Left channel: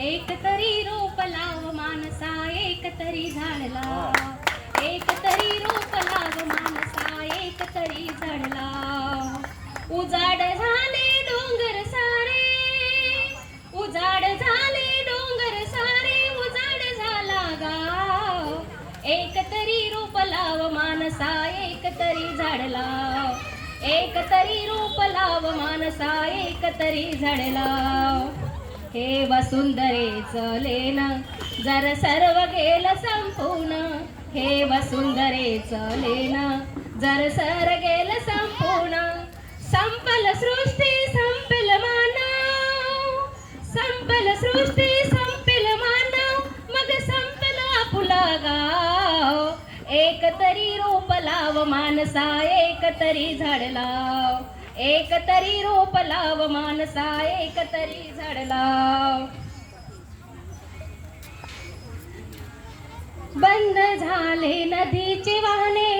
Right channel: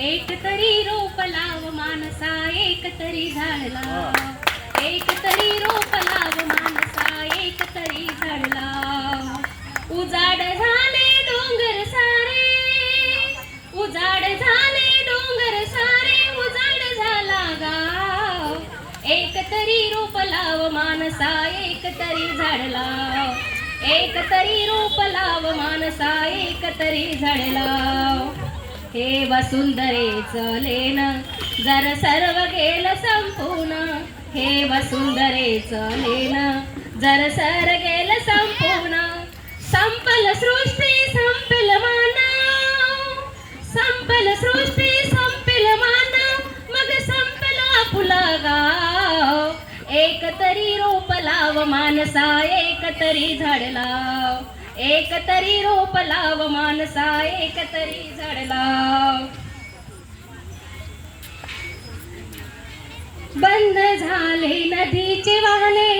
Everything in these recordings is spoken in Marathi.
एक तरी रोप लाव मानसा, एक तरी झाड लाव. एक तरी रोप लाव मानसा, एक तरी झाड लाव. उजाड झाले डोंगर सारे, उजाड झाले डोंगर सारे, उजाड झाला गाव. एक तरी रोप लाव मानसा, एक तरी झाड लाव. एक तरी रोप लाव मानसा, एक तरी झाड लाव. हे वसुंधरेचं लेण जर सर्व गेलं संपून, हे वसुंधरेचं लेण जर सर गेलं संपून. संपल सृष्टी संपल मानव, संपल सृष्टी संपल मानव, मग संपल आपुलं गाव. एक तरी रोप लाव मानसा, एक तरी झाड लाव. एक तरी रोप लाव मानसा, एक तरी झाड लाव. बंद झाले नदीचे वाहने,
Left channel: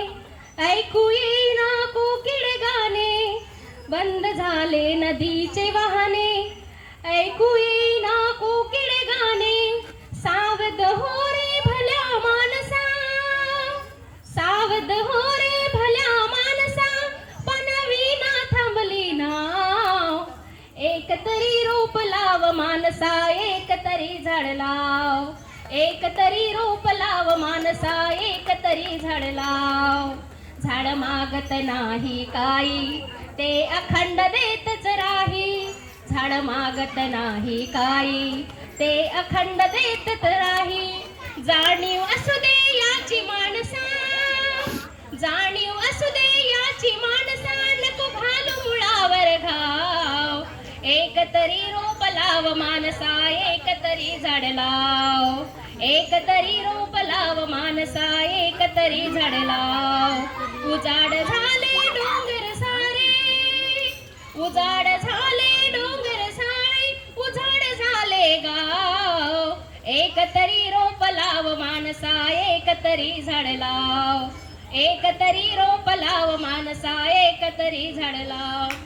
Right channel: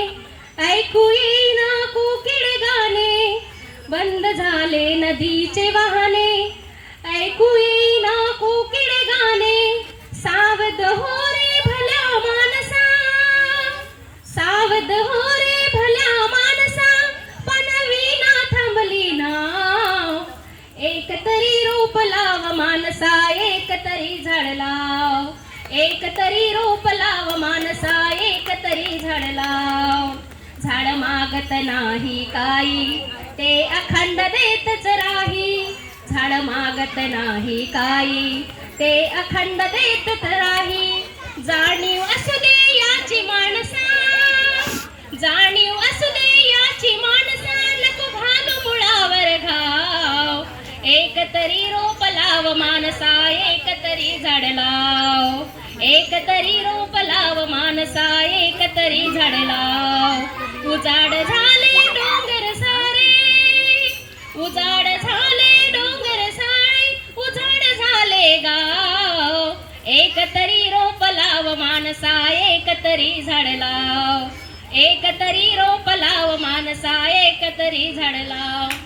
ऐकू येईना कोकिळ गाणे. बंद झाले नदीचे वाहने, ऐकू येईना कोकिळ गाणे. सावध हो रे भल्या मानसा, सावध हो रे भल्या मानसा, पनवीना थांबली नाव. एक तरी रोप लाव मानसा, एक तरी झाड लाव. एक तरी रोप लाव मानसा, एक तरी झाड लाव. झाड मागत नाही काही, ते अखंड देतच राही. झाड मागत नाही काही, ते अखंड देतच राही. जाणीव असू दे याची माणसा, जाणीव असू दे याची माणसा, नको घालू मुळावर घाव. एक तरी रोप लाव मानसा, एक तरी झाड लाव. एक तरी रोप लाव मानसा, एक तरी झाड लाव. उजाड झाले डोंगर सारे, उजाड झाले डोंगर सारे, उजाड झाले गाव. एक तरी रोप लाव मानसा, एक तरी झाड लाव. एक तरी रोप लाव मानसा, एक तरी झाड लाव.